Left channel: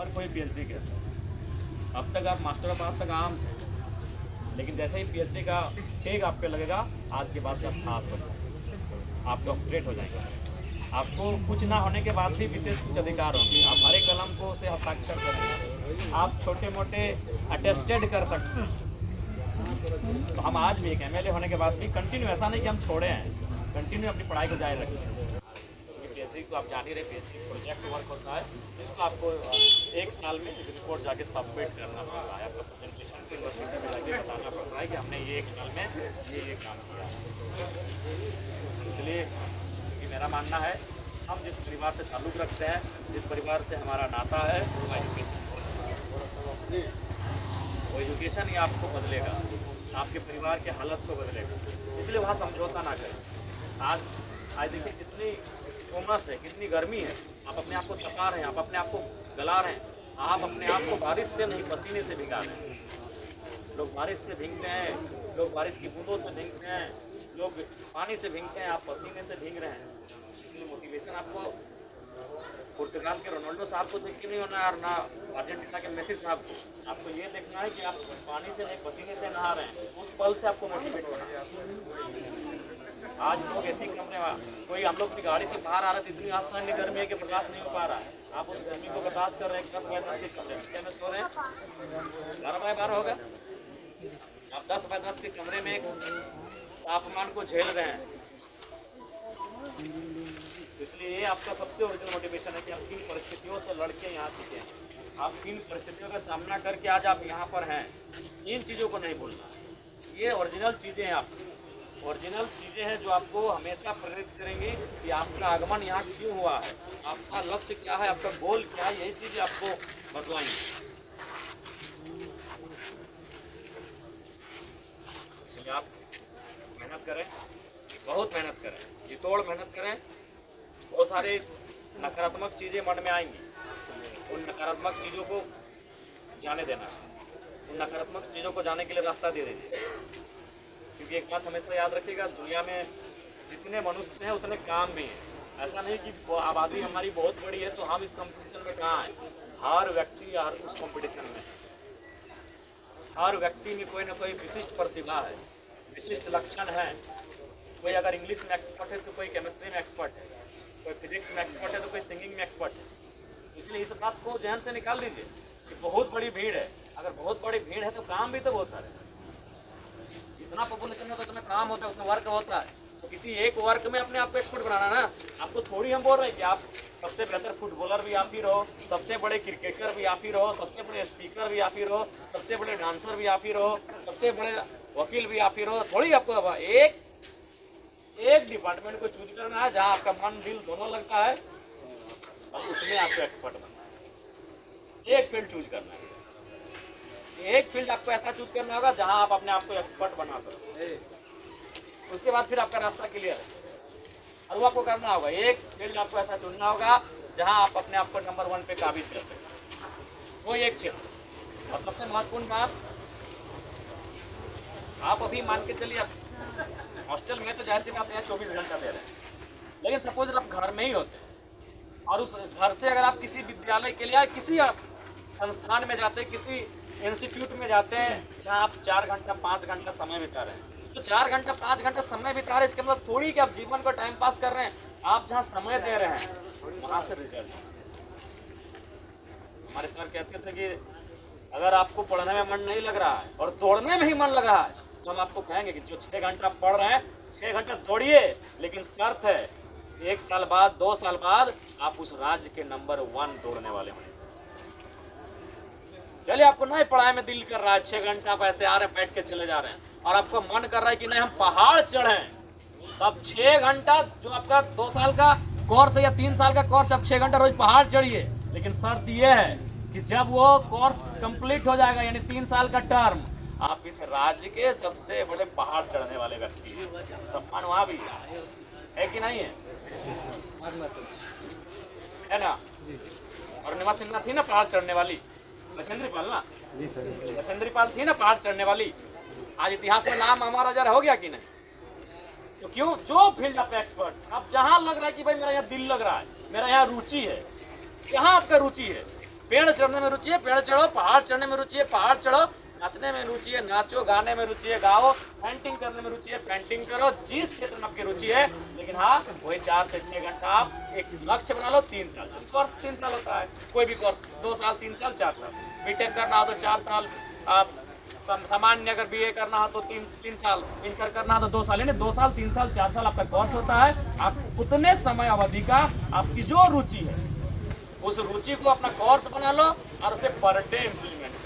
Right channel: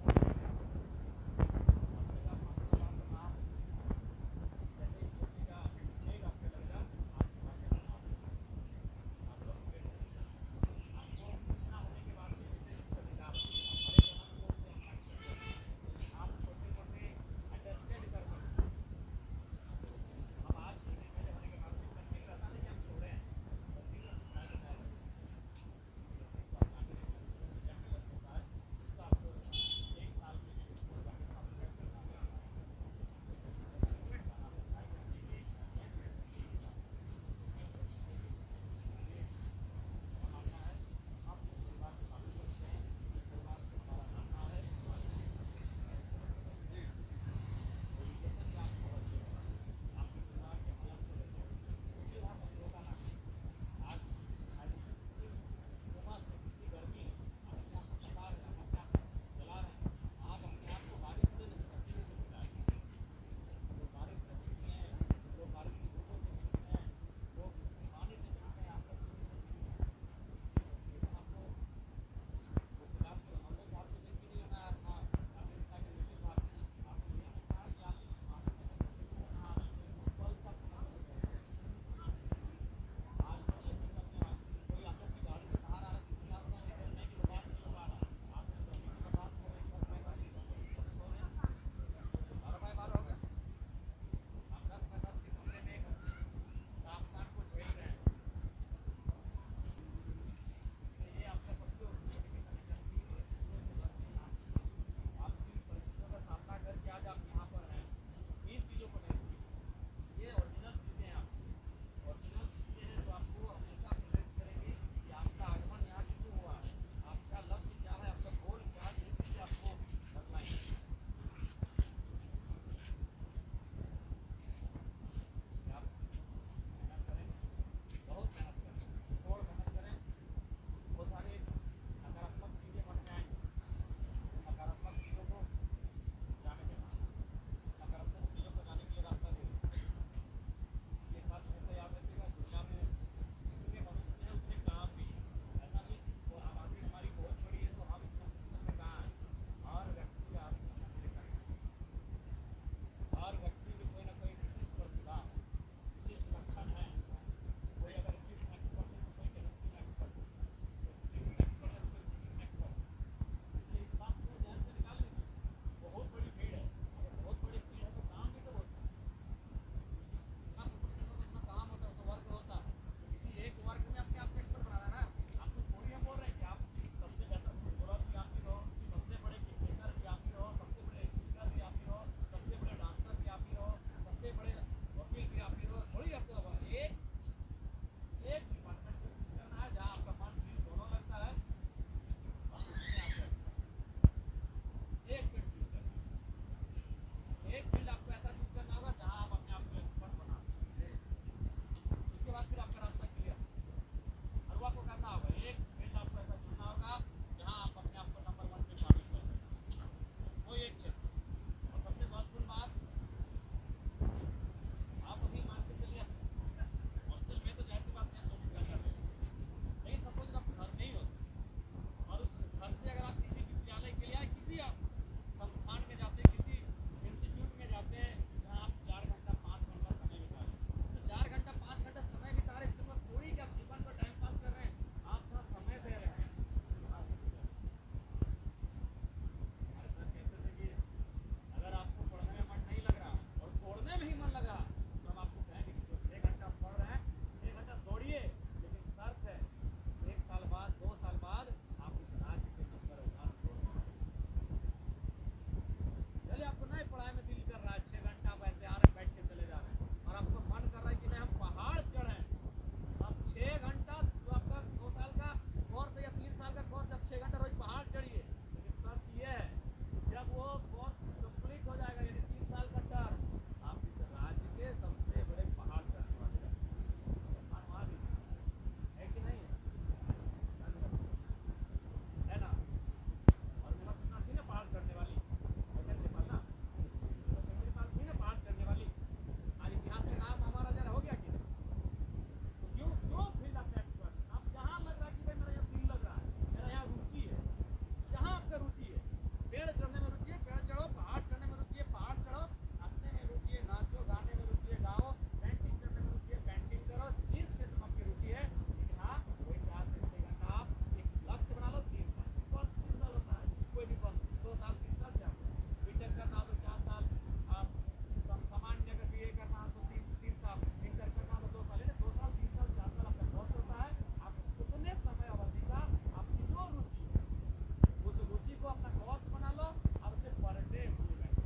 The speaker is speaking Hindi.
हर कोई पीएचडी करता है। अब तक आप मास्टर पास तक आम थे, लेकिन जैसे ही पीएचडी का टेग आप पे लगेगा, आज के बाद से आप खास बन जाएंगे, आप डॉक्टरेट हो जाएंगे। आपको कुछ ना होने के बाद भी विशेष कुछ अधिकार होंगे। आप हरे कलम को से हस्ताक्षर करेंगे, आप छोटे मोटे अटेस्टेड कर सकते हैं। तो हम आज भी एक एमएलए होने के बाद भी कंटिन्यू, ऐसा नहीं कि हम छोड़े हैं, कंटिन्यू अपनी पढ़ाई को जारी रखें। पीएचडी को आप जान ही रहे, पीएचडी प्रोजेक्ट वर्क होता है, जिसको आपको 1 साल में रिपोर्ट जाके सबमिट करना पड़ता है। आपका प्रेजेंटेशन यूनिवर्सिटी में जाके बताना पड़ता है कि हमने ये 1 साल में ये काम किया है। इसलिए क्योंकि मेरा मानना है, हम जिस परिवार से ताल्लुक़ रखते हैं, जिस परिवार से हमारा नाता है, वो एजुकेशन ही आपको बदलेगा, आपके परिवार के हालत को बदलेगा। इसलिए वहाँ समझौता ना करें। आज देखिए कितनी उमस है, कितनी गर्मी है, आप अपने आप को तपा रहे हैं, आप अपने आप को गला रहे हैं, आप अपने आप को बारिश से नहीं पसीने से भिगा रहे हैं। लोग बारिश से भीगते हैं, लोग बारिश की बूंदों से भीगते हैं, लोग पानी से भीगते हैं, आप पसीने से भीग रहे हैं। इसलिए मोटिवेशन आपको पुर्तगाल के रोनाल्डो साहब को देख के नहीं होना है, ना अर्जेंटीना के मेसी साहब को। आपको ये देखना है कि आप पानी से नहीं पसीने से नहा रहे हैं, उस पल से आपको मोटिवेट होना है। आज लोग ऐसी कमरे में, कोई हम लोग की गाड़ी से बाहर आ रहे थे, इतनी आसानी गर्मी है कि बर्दाश्त नहीं हो पा रहा है। आप उस गर्मी को बर्दाश्त कर रहे हैं, 10 बाय 10 के कमरे में क्या में सो रहे हैं, 12 बाय 12 होगा। आप 10 बाय 10 के कमरे में तापमान को झेल रहे हैं। इसलिए ये आपका सबसे ओरिजिनल मोटिवेशन है कि आप किन परिस्थितियों से लड़के यहाँ सीखे, आप किन परिस्थितियों का सामना करके आज आप यहाँ पर हैं। इन चीज़ों को नहीं भूलना, ये ओरिजिनल चीज़ें हैं, आपकी ओरिजिनल चीज़ें हैं जो आपको हमेशा प्रेरित करेंगी कि आपका आगमन यहाँ क्यों हुआ है, आपका लक्ष्य क्या है, आपका गोल क्या है। यही चीज़ें आपको बतलाएंगी। इसलिए आप मेहनत करें, बहुत मेहनत करें, जितोड़ मेहनत करें। बहुत सारे नकारात्मक चीज़ें मन में आएंगी, उन नकारात्मक चीज़ों को जाने देना, उन नकारात्मक चीज़ों को जाने के लिए रास्ता दे दीजिए। क्योंकि एक बात हमेशा याद रखिएगा, दुनिया में जितने मनुष्य हैं उतने काम भी हैं। ऐसा नहीं कि आबादी हमारी बहुत बड़ी है तो हम इस कंपटीशन में कहाँ हैं। हर व्यक्ति हर उस कंपटीशन में, हर व्यक्ति में कोई ना कोई विशिष्ट प्रतिभा है, विशिष्ट लक्षण है। कोई अगर इंग्लिश में एक्सपर्ट है तो कोई केमिस्ट्री में एक्सपर्ट है, कोई फिजिक्स में एक्सपर्ट है तो कोई सिंगिंग में एक्सपर्ट है। इसलिए इस बात को ध्यान से निकाल लीजिए कि बहुत बड़ी भीड़ है। अगर बहुत बड़ी भीड़ है तो काम भी तो बहुत सारे, जितना पॉपुलेशन होता है उतना काम होता है, उतना वर्क होता है। तो किसी एक वर्क में अपने आप को एक्सपर्ट बनाना ना। आपको थोड़ी हम बोल रहे हैं कि आप सबसे बेहतर फुटबॉलर भी आप ही रहो, सबसे बड़े क्रिकेटर भी आप ही रहो, सबसे बड़े स्पीकर भी आप ही रहो, सबसे बड़े डांसर भी आप ही रहो, सबसे बड़े वकील भी आप ही रहो। थोड़ी आपको एक डिपार्टमेंट को चूज करना है जहाँ आपका मन दिल दोनों लगता है और उसमें आपको एक्सपर्ट बनना है। एक फील्ड चूज करना है, एक फील्ड आपको ऐसा चूज करना होगा जहां आप अपने आप को एक्सपर्ट बना सको। उसके बाद फिर आपका रास्ता क्लियर है। और वो आपको करना होगा, एक फील्ड आपको ऐसा चुनना होगा जहां आप अपने आप को नंबर 1 पे काबिज कर सकें, वो एक क्षेत्र। और सबसे महत्वपूर्ण बात, आप अभी मान के चलिए आप हॉस्टल में तो जाहिर सी बात है 24 घंटा दे रहे हैं, लेकिन सपोज आप घर में ही होते और उस घर से अगर आप किसी विद्यालय के लिए या किसी संस्थान में जाते, किसी इंस्टीट्यूट में जाते हैं जहाँ आप 4 घंटा 5 घंटा समय बिता रहे हैं, तो 4 घंटा 5 घंटा समय बिता रहे हैं, इसके मतलब थोड़ी कि आप जीवन को टाइम पास कर रहे हैं। आप जहाँ समय दे रहे हैं वहाँ से रिजल्ट। हमारे सर कहते थे कि अगर आपको पढ़ने में मन नहीं लग रहा है और दौड़ने में ही मन लग रहा है तो हम आपको कहेंगे कि जो 6 घंटा पढ़ रहे हैं 6 घंटा दौड़िए, लेकिन शर्त है 1 साल बाद 2 साल बाद आप उस राज्य के नंबर 1 दौड़ने वाले होंगे। चलिए आपको नहीं पढ़ाई में दिल कर रहा है, 6 घंटा आप ऐसे आ रहे हैं बैठ के चले जा रहे हैं और आपको मन कर रहा है कि नहीं हम पहाड़ चढ़ें, अब 6 घंटा जो आपका 2 साल का कोर्स है या 3 साल का कोर्स, आप 6 घंटा रोज पहाड़ चढ़िए। लेकिन शर्त यह है कि जब वो कोर्स कंप्लीट हो जाएगा यानी 3 साल का टर्म, आप इस राज्य के सबसे बड़े पहाड़ चढ़ने वाले व्यक्ति, सम्मान वहाँ भी है कि नहीं है ना। और निमा सिन्हा थी ना पहाड़ चढ़ने वाली, बचेंद्री पाल ना, बचेंद्री पाल थी ना पहाड़ चढ़ने वाली। आज इतिहास में नाम हमारा जरा हो गया कि नहीं? तो क्यों, जो फील्ड आप एक्सपर्ट, आप जहाँ लग रहा है कि भाई मेरा यहाँ दिल लग रहा है, मेरा यहाँ रुचि है, जहाँ आपका रुचि है पेड़ चढ़ने में रुचि है, पेड़ चढ़ो। पहाड़ चढ़ने में रुचि है, पहाड़ चढ़ो। नाचने में रुचि है, नाचो। गाने में रुचि है, गाओ। पेंटिंग करने में रुचि है, पेंटिंग करो। जिस क्षेत्र में आपकी रुचि है, लेकिन हाँ वही 4 से 6 घंटा आप एक लक्ष्य बना लो। 3 साल कोर्स 3 साल होता है, कोई भी कोर्स 2 साल 3 साल 4 साल। बीटेक करना हो तो 4 साल, आप सामान्य अगर बीए करना हो तो 3 साल, इंटर करना हो तो 2 साल, यानी 2 साल 3 साल 4 साल आपका कोर्स होता है। आप उतने समय अवधि का आपकी जो रुचि है उस रुचि को अपना कोर्स बना लो और उसे पर डे इम्प्लीमेंट